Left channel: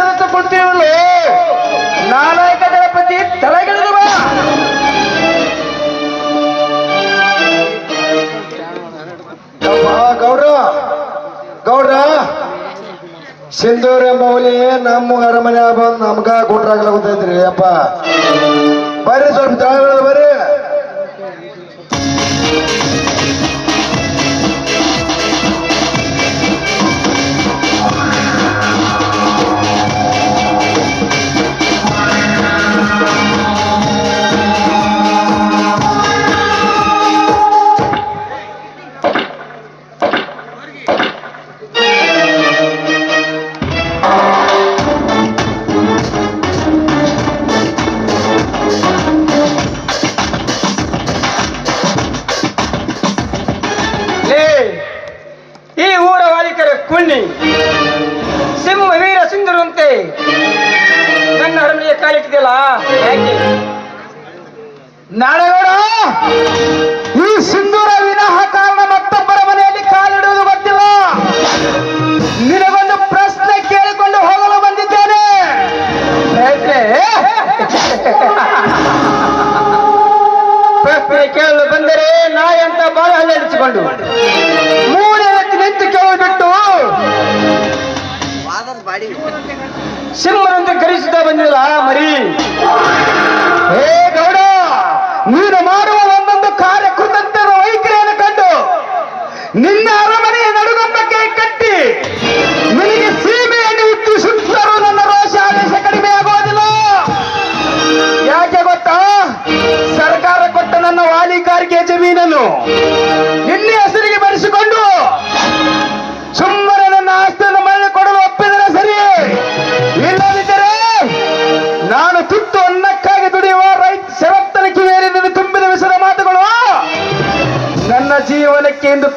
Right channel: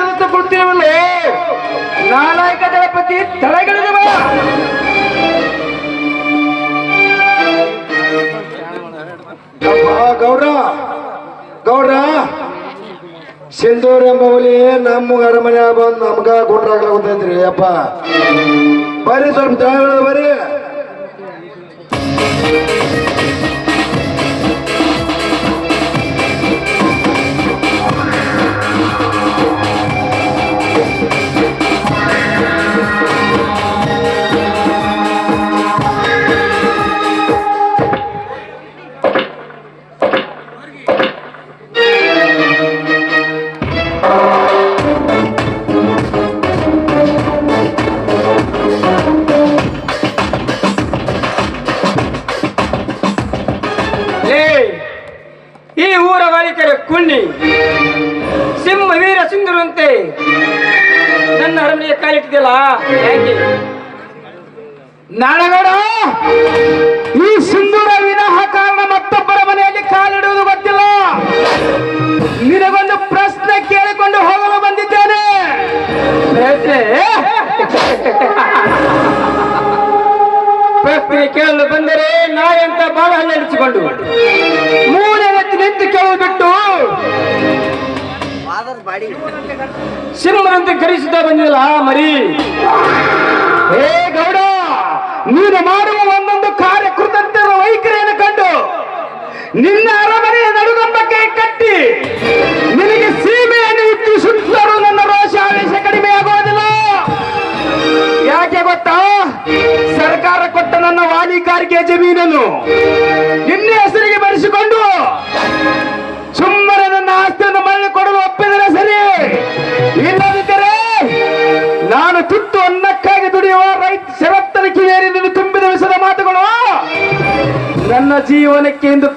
ಸೇರಿತು ಕೂತಿರುವಳು ನಾಲಾಯಕ ದಳಪತಿ ತಲೆಗಿಳಿದು ಗೌಡ್ರ ಗೌಡ್ರ. ಸಿಂಧೂರಿ ಮೌಲಿ ನಮ್ಮ ಅರಮನೆ ಬಂದು ನಮ್ಗ ಕೊಟ್ರಾಗ್ಲಾಗುತ್ತೈತ್ರಿ ಅಪ್ಪ ಬರ್ರಿ ಸ್ವಲ್ಪ ಬರ್ರಿ. ಸಿಂಹನಂತೆ ಕರೆಸುತ್ತಾ ಬಂದಿಲ್ಲ ಮರಿ. ಏ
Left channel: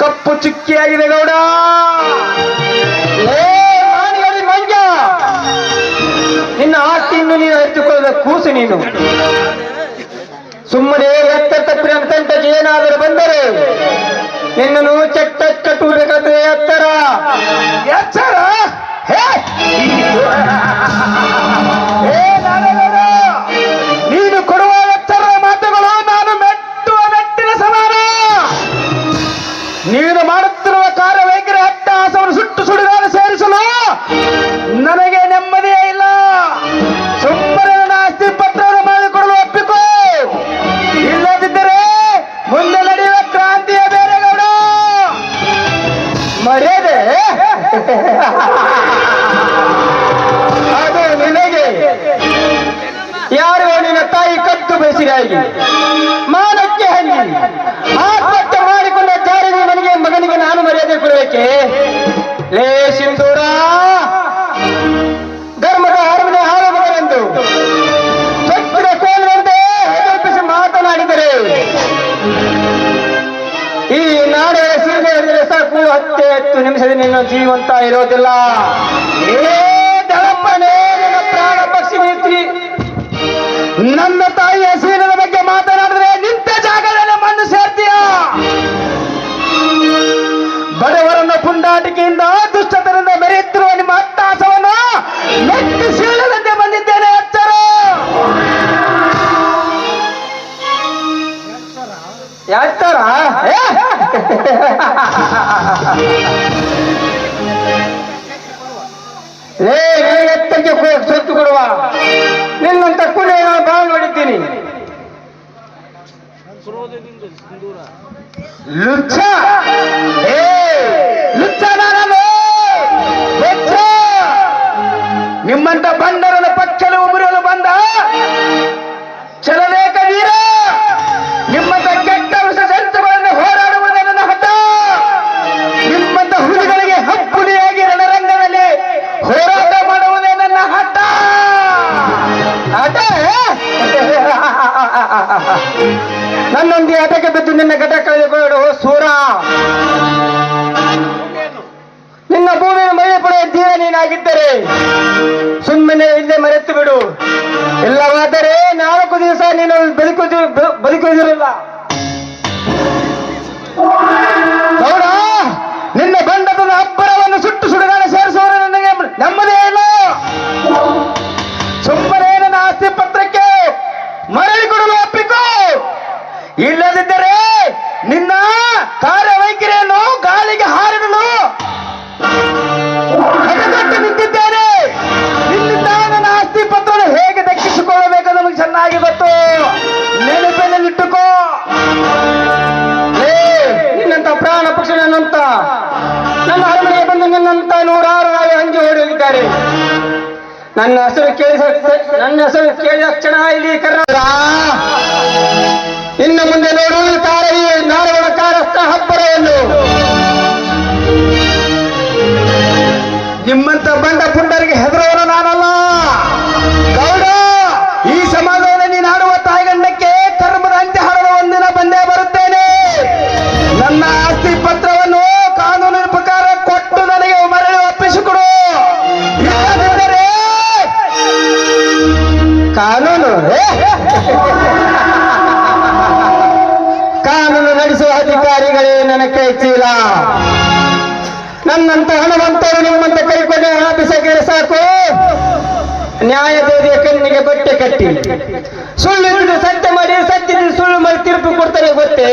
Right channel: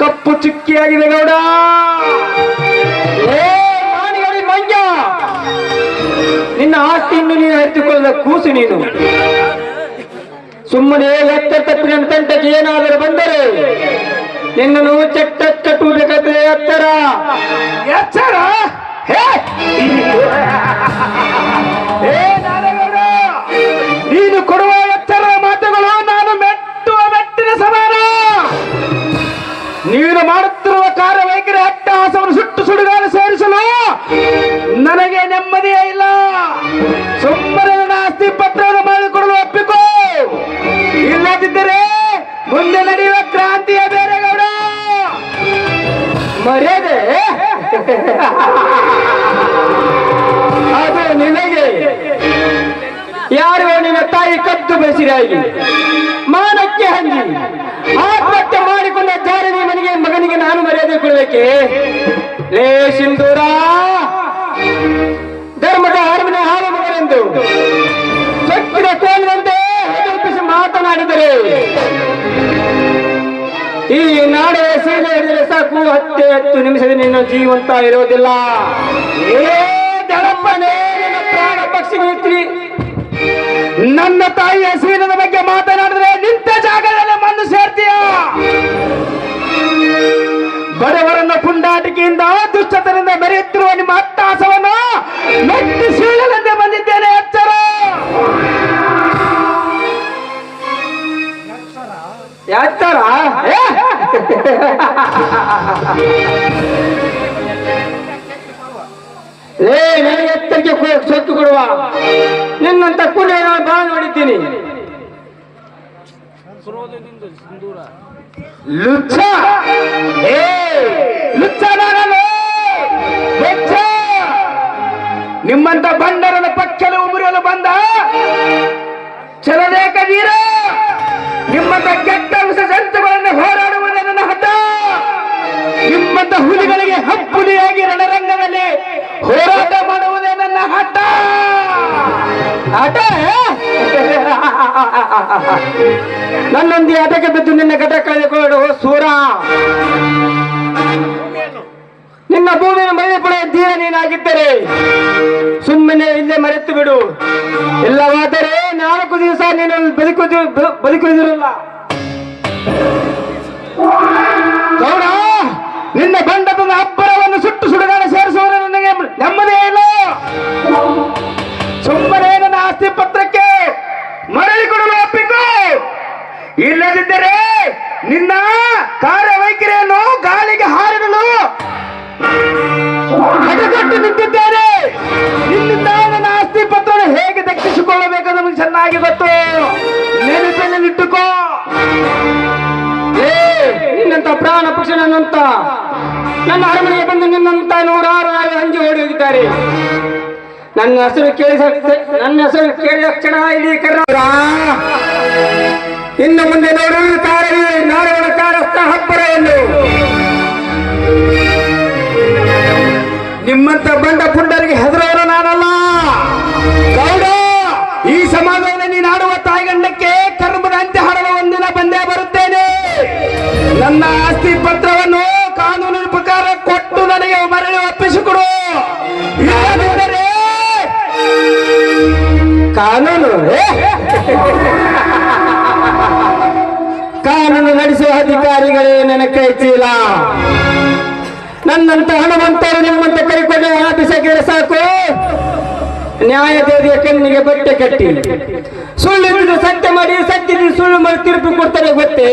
ಕಪ್ಪು ಚುಕ್ಕಿಯಾಗಿದೆ ಗೌಡ. ಮಂಜ ನಿನ್ನ ಆಸ್ತಿಯನ್ನು ನೀನು ಅರಿತುಕೊಳ್ಳದ ಕೂಸು ನೀನು. ಸುಮ್ಮನೆ ಎತ್ತ ತಪ್ಪಿನ ಏನಾದರೂ ಬಂದರೆ ನಿನ್ನನ್ನು ಚಟ್ಟ ಕಟ್ಟುವುದಕ್ಕಾದ್ರೆ ಎತ್ತರ. ಎಚ್ಚರ! ನೀನು ಕೊಡುವ ಸುಟ್ಟು ಸುಡುಗಾಲ ಸೇರಿಸಲು? ನನಗೆ ನೆಮ್ಮದಿಯೇ ಇಲ್ಲ. ಸುಮ್ಮನೆ ನನ್ನ ಆಸ್ತಿ ಪತ್ರವನ್ನು ಮಾಡಿಕೊಡಲು ಒಪ್ಪಿಕೋ. ಇಲ್ಲದಿದ್ದರೆ ಮುಂದೆ ನಡೆಯುವ ಕ್ರಾಂತಿಯ ಬೇರೆ ಗೌಡ ಮರ್ಯಾದೆ? ಅದು ನಿನಗೆ. ಯಾರು ನಿನ್ನ ತಾಯಿ ಕತ್ತು ಬೆಳೆಸಿರಾಗಿ ಮಾನಕ್ಕೆ ಹಂದಿ. ಆತ್ಮಹತ್ಯೆ ಮಾಡಿಕೊಂಡ ಜಾರಿಗೆ ಮನೆಗೆ ಮಗನಿಗೆ ನಾನು ಮರ್ಯಾದೆ ಕೊಡಬೇಕೆ? ಲೇ ಸಿಂಧೂರ! ಧರ್ಮದ ಹರ್ಮದ ಮಗನೆಂದು ಚಕ್ರ ಕೋಲಂತೆ ಹೆದರಿಸಿ ಮಾತನಾಡಿದರೆ, ಈ ನಾಡಿನ ಸೀಮೆ ಹಿಡಿದರೆ ಸಾಕು, ಹತ್ತೆ ಹತ್ತು ನಿಮಿಷದ ನಿನ್ನ ಜೀವಂತ ಇರೋದಿಲ್ಲ. ಏ ನಿನ್ನ ಪ್ರಾಣ ಪಕ್ಷಿ ನನ್ನ ಏ? ಏ ನಿನಗೆ ಎತ್ತರಿಗೆ ಕೊ- ಸೊತ್ತು ಕೊಡುವ. ನಿನ್ನಂತ ಕುಡಿಯ ನಾನು ಬಾಳು ನೋಡಿದ್ದೀನಿ. ಲುಚ್ಚ! ಏ, ಲುಚ್ಚ ನಿಮ್ಮಂತ ಬಂಡರನ ಪಕ್ಷದ ಉಮರಲು ಬಂದ? ಚಲನೇಕ ವೀರ! ನಿಮ್ಮಂತ ನನ್ನೊಂದಿ ಹಠಕ್ಕೆ ಬಿದ್ದು ನಿನ್ನ ಘಟ ಕಳೆದುಕೊಳ್ಳು ಸೂರ. ನಿನ್ನ ಭೂಮಿಯ ಮಳೆ ಪಡೆಯ ನೀನಾಗಿದ್ದರೆ ಸುಮ್ಮನೆ ಇಲ್ಲೇ ಮರೆತು ಬಿಡು. ಇಲ್ಲವಾದರೆ ನಾಲ್ಕು ದಿವಸ ನೀನು ಬದುಕುದು ಬದುಕುವುದಿರಲ್ಲ ನಿನ್ನಂತ ಪ್ರಾಣ ಪಕ್ಷಿ ನನ್ನಂತ ನನ್ನ ಅರಮನೆ ಬಂದು ನನ್ನಂತ ನೂರಾರು ಹಂಜಿ ಹೊಡೆದಿದ್ದಾರೆ. ನನ್ನ ಹೆಸರು ಕೇಳಿ ನನ್ನ ಹೆಸರು ಕೇಳಿದ ಕ್ಷಣ ಇಲ್ಲಿ ಕರ್ನಾಟಕ. ಇನ್ನು ಮುಂದೆ ನೋಡಿ ಕಾರವಿ ನಾಡಗಳ ಕಾರಸ್ಥ ಎಂದು ನಿಮ್ಮಂತ ಬಂದ ಕಾನೂನು ನಡೆಸುವ ಅಧಿಕಾರಿಗಳೇ ನನ್ನ ಕೈ ಚೀಲ ನನ್ನಂತ ಹಣವಂತರು ನಿಮ್ಮಂತ ಕೈಕೊಂಡು ಹಣ ಸಾಕು. ನ್ಯಾಯ ದೇವಿಯ ಕಣ್ಣಿಗೆ ಬಟ್ಟೆ ಕಟ್ಟಿ. ಸುಳ್ಳು ಸತ್ಯ ಮಾಡಿ ಸತ್ಯ ಸುಳ್ಳು ಮಾಡಿ ತೀರ್ಪು ಕೊಡ್ತಾರೆ ಗೊತ್ತೇ?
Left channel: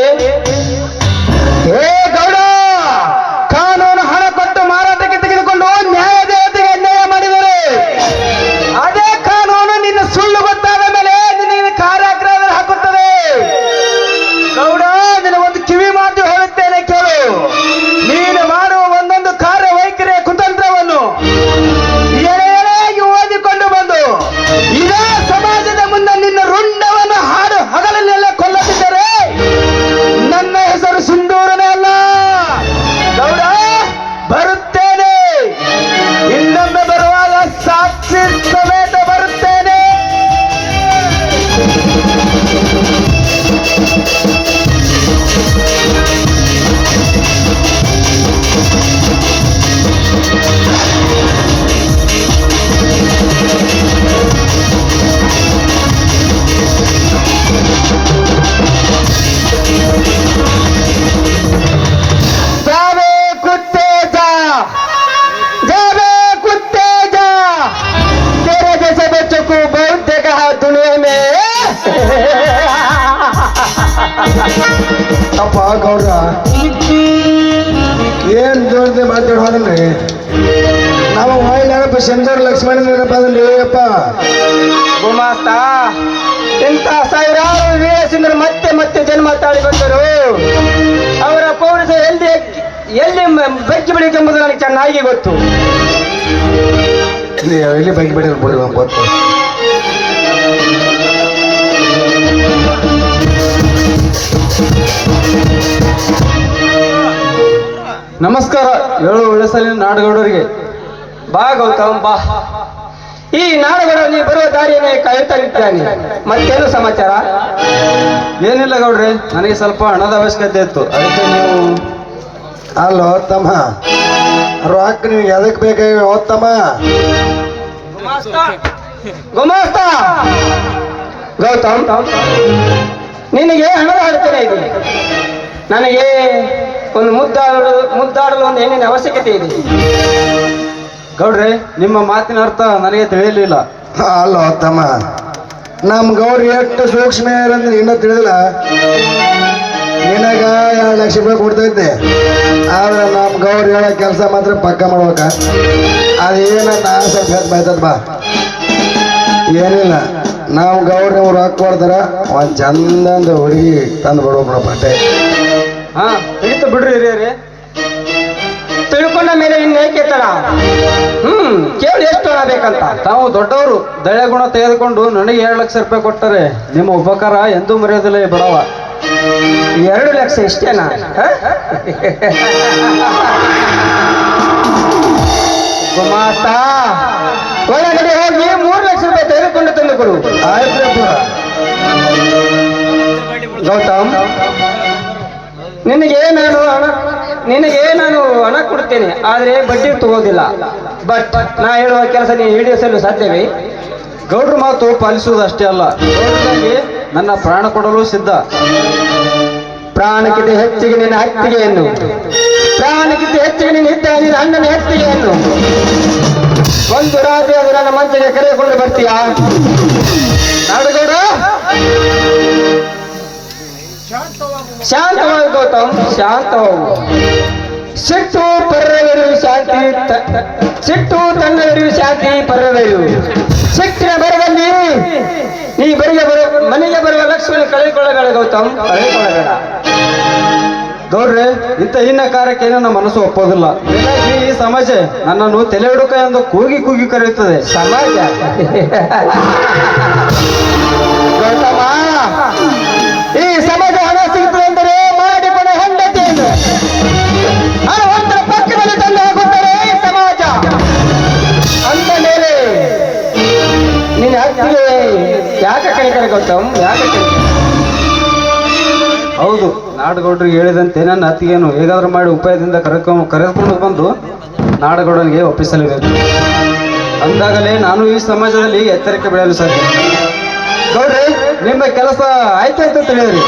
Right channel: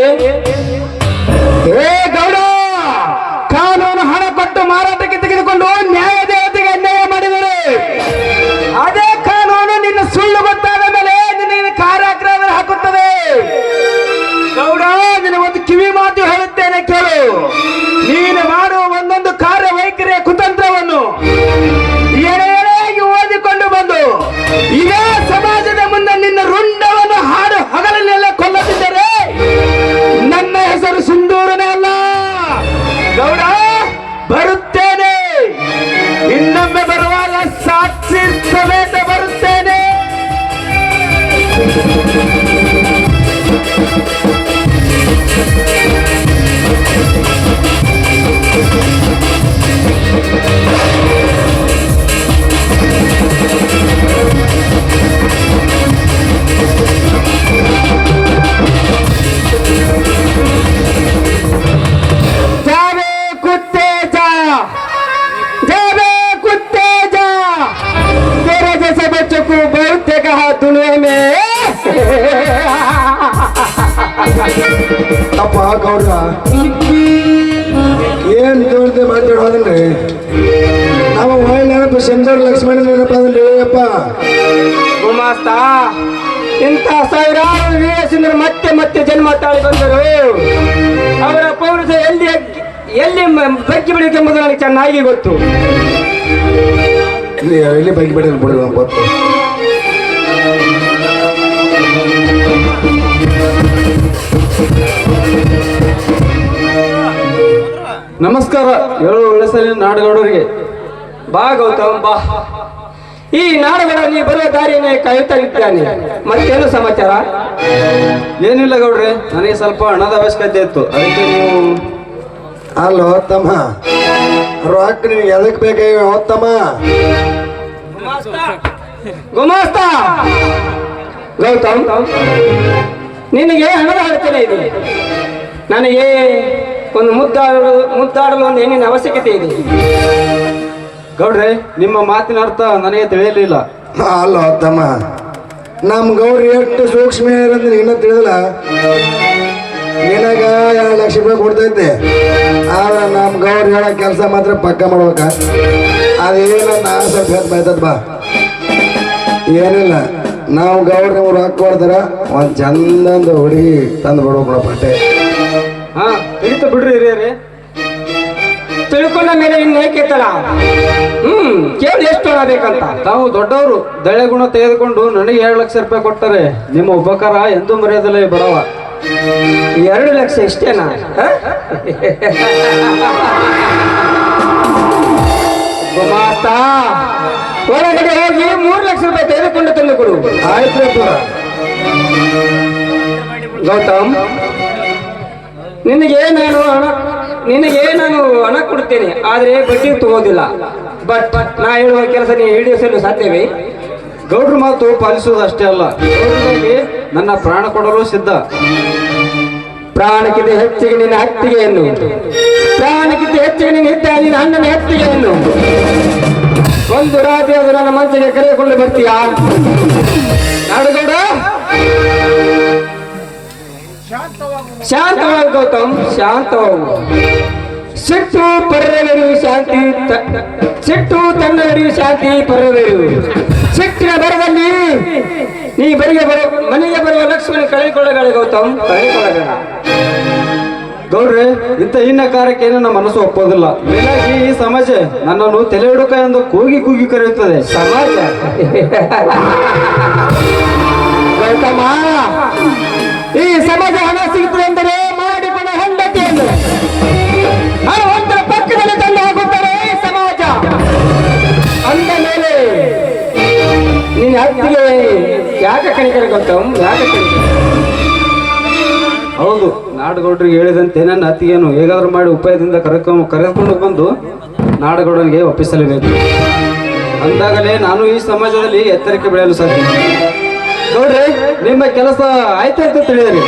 ಅಪ್ಪ ಗೌಡ್ರ ದೇವ್ರದೇ ದೇವ್ರದೆ ಮಾತಾಡೋದನ್ರಿ ನಾವು ಹೋಯ್ಲಪ್ಪ ಶಂಕರ್ ಲಕ್ಷ್ಮಣ ಬಂದ್ರಿ ಅಪ್ಪ ಗುಮಾಸ್ತ, ಇಂಥ ಸಾವಿರಾರು ವೀರಸಿಂದರು ಮತ್ತೆ ಮತ್ತೆ ಜನ್ಮ ತಾಳಿ ಬಂದರು. ಅವರ ಪೌರುಷ ಎಲ್ಲಿ ಎಲ್ಲಿ ಬೆಚ್ಚಿ ಬೆಳಿಬೇಕೆಂಬುದು ನನಗೆ ಚೆನ್ನಾಗಿ ಗೊತ್ತು. ಇಲ್ಲಿ ಇಲ್ಲಿ ಬಗ್ಗೆ ಬಿಡಿ ಬಿಡಿ ಗೊತ್ತು. ನಮಸ್ಕಾರ ಎಲ್ಲ ವಿಳಸಲಿನ ನಾಡಗೌಡರಿಗೆ. ಬಾ ಗೌತಮ್ ಬಾ. ಈ ನಾಡುಗಳ ನೀ ಬರುವ ದಾರಿಯನ್ನೇ ಕಾಯುತ್ತಾ ಇರ್ತಾನೆ ಮತ್ತೇನು ಸಮಾಚಾರ? ಏನಿಲ್ಲ ಗೌಡ್ರೆ ನನಗೆ ಸ್ವಲ್ಪ ಹಣದ ಅವಶ್ಯಕತೆ ಇತ್ತು. ಅದಕ್ಕೆ ನೀವು ಅಲ್ಲ ತಮ್ಮ ರಾಕ್ ನಿಮ್ಗೆ ಎದಕ್ ಬೇಕಾಗಿ ತಮ್ಮ ಗುಮಾಸ್ತ. ಗೌತಮ್. ನಿನಗೆ ಹಣದ ಇದು ಇದೆ. ನನಗೆ ಒಂದು ಮುದ್ದಾಡಲು ಮುದ್ದಾಡಲು ಒಂದು ಹೆಣ್ಣಿನ ಅವಶ್ಯಕತೆ ಇದೆ. ಗೌಡ್ರೆ ನಿಮ್ಮ ಮಾತಿನ ಅರ್ಥ ನನಗೆ ತಿಳಿಯಲಿಲ್ಲ. ಅಲ್ಲ ತಮ್ಮ ನಮ್ ಗೌರಿ ಎಷ್ಟು ಸೂಕ್ಷ್ಮ ಏನಂದ್ರೆ ಇನ್ನೂ ತಿಳಿದಿಲ್ಲ. ನಿನಗ ಎರಡು ಲಕ್ಷ ರೂಪಾಯಿ ಕೊಡ್ತೈತೆ. ಆದ್ರೆ ನಮ್ ಗೌರಿ ಕೆಲಸ ಮಾತ್ರ ಪಕ್ಕ ಮಾಡ್ಬೇಕ. ಅದೇನ ಆಸೆ ಸ್ವಲ್ಪ ಬಾ. ಏನಿಲ್ಲ. ನಾವು ಗೌಡ್ರ ಅವ್ರು ರೊಕ್ಕ ಆ ಚಂದೊಂದು ಹುಡುಗಿ ತಂದು ಬಿಡ್ಬೇಕು ಬಟ್ಟೆ. ಹಾ ಹಿಡಿತು ಬಿಡ್ರಿ ಹಿರಿಯರೇ. ತಿಳ್ಕೊಂಡ ಮೇಲೆ ಇನ್ನು ಏಕೆ ತಡ? ಹ್ಮ್ ಕೇಳಿ ಎಷ್ಟು ಹಣ ಬೇಕಂತ ತಾವು ದೊಡ್ಡವರು ದಳೆ ಗುಣ ತೆಗೆದುಕೊಂಡು ನನಗೆ ಎರಡು ಲಕ್ಷ ರೂಪಾಯಿ ಕೊಟ್ಟರೆ ನಿಮ್ಮ ಉಪಕಾರ ಎಂದೂ ಮರೆಯದಿಲ್ಲ ಬಡವ. ಎರಡು ಲಕ್ಷ ಇಷ್ಟೇನಾ ಒಳಗಡೆ ಹೋಗಿ ಮೂರು ಕೊಡು ಆಯ್ತು ಗೌತಮ್ ಹಣ ನಿನಗೆ ನಾನು ಹಣ ಕೊಡ್ತೇನೆ, ಆದರೆ ಬಡ್ಡಿ ತಗೋದಿಲ್ಲ. ಬಟ್ ನಾ ಹೇಳುವ ಕೆಲಸ ನೀನು ಈಡೇರಿಸಲು ಸಾಧ್ಯವೇ? ಗೌಡ್ರ ಮಾತು ಪಾಲಿಸುವುದು ಅಷ್ಟೇ ಅಲ್ಲ. ನನ್ನ ಪ್ರಾಣ ಕೊಡಲು ಸಿದ್ಧ. ಪ್ರಾಣಕ್ಕಿಂತ ಹೆಚ್ಚಿಗೆ ನಿನ್ನ ಹತ್ತಿಗೆಯನ್ನು ಪ್ರಾಣಕ್ಕಿಂತ ಹೆಚ್ಚಿಗೆ ನಿನ್ನ ಹಿತ್ತ ನಿನ್ನ ಅಣ್ಣನ ಹತ್ತಿಗೆಯನ್ನು ಒಂದು ರಾತ್ರಿ ನನ್ನ ಮನಸ್ಸಿಗೆ ಕರೆದುಕೊಂಡು ಬರ್ತೀಯಾ? ಶಾಂತವಾಗು ಸಿಟ್ಟು ಪರವೆರು ಶಾಂತಿ ಸಿಟ್ಟು ತನ್ನವರು ಶಾಂತಿ ಪರವೆರು ಸಿಟ್ಟಿನ ಬರದಲ್ಲಿ ನೀ ಬರಿಗೆ ಬರ, ಮನೆಗೆ ಬರುವ ಲಕ್ಷ್ಮಣ ಕಳೆದುಕೊಳ್ಳಬೇಡ ಗೌತಮ್. ಕಳೆದುಕೊಳ್ಳಬೇಡ. ಗೌಡ್ರೆ, ಇಂಥ ಹಿನ್ನ ಕಾರ್ಯಕ್ಕೇನು ನಮ್ಮ ಮನಸ್ಸು ಒಪ್ಪೋದಿಲ್ಲ. ಈ ಸಮಸ್ಯೆ ನನ್ನನ್ನು ತಲೆ ಹುಡುಕ ಎಂದು ಕೂಗಿ ಕೂಗಿ ಕರೆಯುತ್ತದೆ. ಸಮಾಜ. ನಾಡಗೌಡರಿಗೆ ಹೇಳಿದಂತೆ ನನ್ನ ಅತಿಗೇನು ಹೇಗಾದ್ರೂ ಮಾಡಿ ಉಪಾಯದಿಂದ ಕರೆಕೊಂಡು ಕರೆದುಕೊಂಡು ಬಂದು ನಾಡಗೌಡನಿಗೆ ಒಪ್ಪಿಸಲೇಬೇಕು. ಅಂದಾಗಲೇ ನಾನು ಈ ಸಮಾಜದಲ್ಲಿ ಎಚ್ಚರಿಕೆ ಬೆಳೆಯಲು ಸಾಧ್ಯ. ನೋಡ್ರಿ ನಿಮ್ಮ ಕೆಲಸ ಆಯ್ತು ಅಂತ ತಿಳಿದ್ರಿ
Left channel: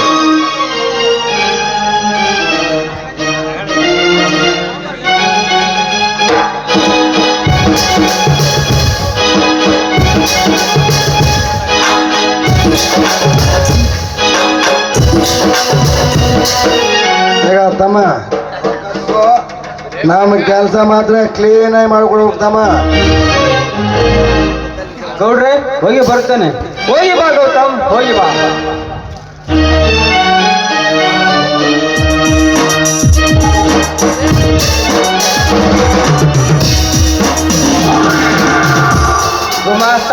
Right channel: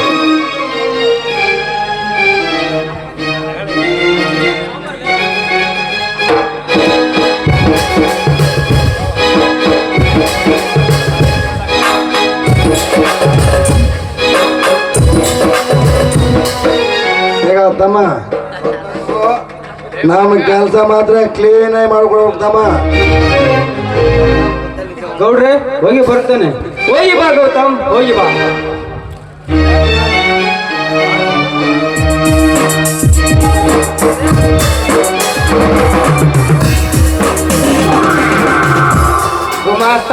ತಮ್ಮ ನಾನು ಕೆಲಸ ಮಾತ್ರ ಕ್ಲೀನ್ ಆಗಿ ಮಾಡ್ಕೊಂಡು ಹೋಗ್ತಮ್ಮ. ಗೌಡ್ರೆ ಹೋಗಿ ಬರ್ತೇನೆ. ಹೋಗಿ ಬಾ ಗೌತಮ್ ಹೋಗಿ ಬಾ. ಗುಮಾಸ್ತ